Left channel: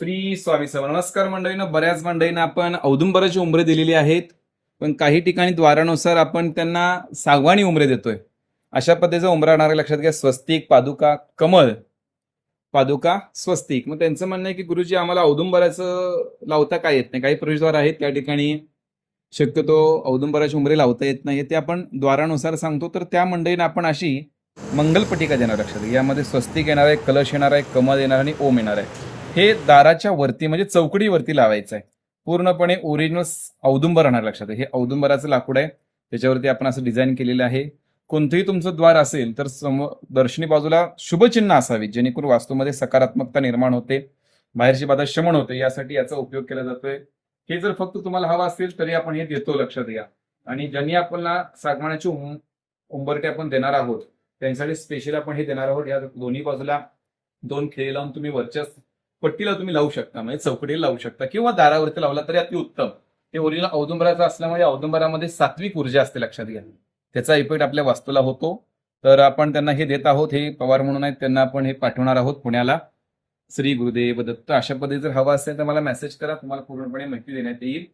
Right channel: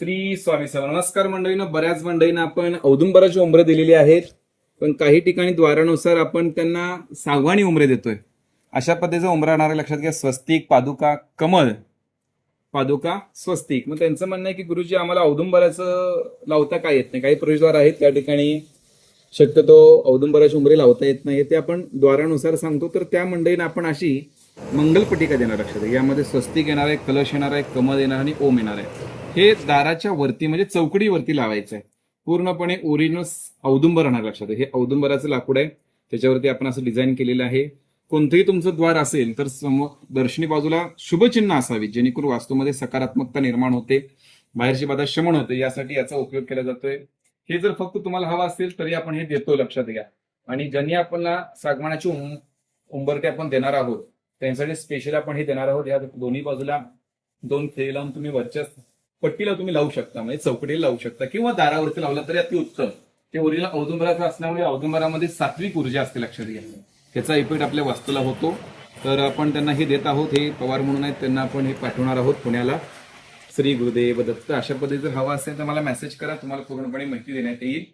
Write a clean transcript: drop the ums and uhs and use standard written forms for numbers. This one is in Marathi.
श्री स्वामी समर्थ. नमस्कार मंडळीनं. बऱ्याच मंडळींना आपण औदुंबराची उंबरे दिलेली आहेत, पण काही ठिकाणी द्वारानुसार आपण त्यांना सागवानी उंबरे देतोय. अशा पद्धतीचा उंबरा येणार आहे. लक्षात घ्या. स्वस्तिक, पादुका, कमळ, पादुका, स्वस्तिक. मग त्यांचं म्हणणं आहे की गुरुजी आम्हाला औदुंबराचं लावता काय येत नाही. काही प्रवेशद्वार आहेत त्या ठिकाणी शक्यतो औदुंबराची उंबरे लावता येत नाही. ते आपण द्वारानुसार सांगतो. तर त्या मंडळींना आपण अशी मंगलपटिका देणार. लक्षात घ्या. यामध्ये स्वस्तिक येणार आहे, कलश येणार आहे, कमळ येणार आणि ओम येणार आहे. हे दाराच्या वरती म्हणजे चौकडीवरती लावायचं आहे. पूर्णपणे ओरिजिनल औदुंबर राहणार. लक्षात घ्या. हे औदुंबराचं लाकूड आहे, त्याच्यावरती आपण असं डिझाईन केलेलं आहे. कोणतंही तुमचं द्वार असेल तर दर्शनी बाजूला शुभचिन्ह असावी, जेणेकरून वास्तूमध्ये सकारात्मकता निर्माण होते, बाहेरची बाधा शमन होते. यासाठी याचा उपयोग केला जातोय. हे जर फक्त तुम्हाला हवं असेल तरी आपण हे देतो. लक्षात घ्या. आणि ज्यांनी आपल्याला सागवानाची उंबरटे आपण देणार आहोत त्यांच्यासाठी स्पेशल आपण हे देणार आहोत. या दोन्ही बाजूला 2 खिळे लावून तुम्ही वरच्या पट्टीला तुम्ही लावू शकता, म्हणजे चौकटीला लावू शकता किंवा दारावरती लावला तरी अति उत्तम. ते ओरिजिनल औदुंबराचं असल्यामुळे औदुंबरामध्ये सात्विक ऊर्जा असते. लक्षात घ्या. त्याचा इफेक्ट आपल्या वास्तूला होतो. तर आपण त्यांना हे देत आहोत. हे पवार म्हणून आहेत, त्यांना आपण हे पाठवणार आहोत पुण्याला. श्री गुरुदेव दत्त. अशा पद्धतीने जर हवा असेल तर मला मेसेज करा, तुम्हाला पूर्णपणे माहिती देण्यात येईल.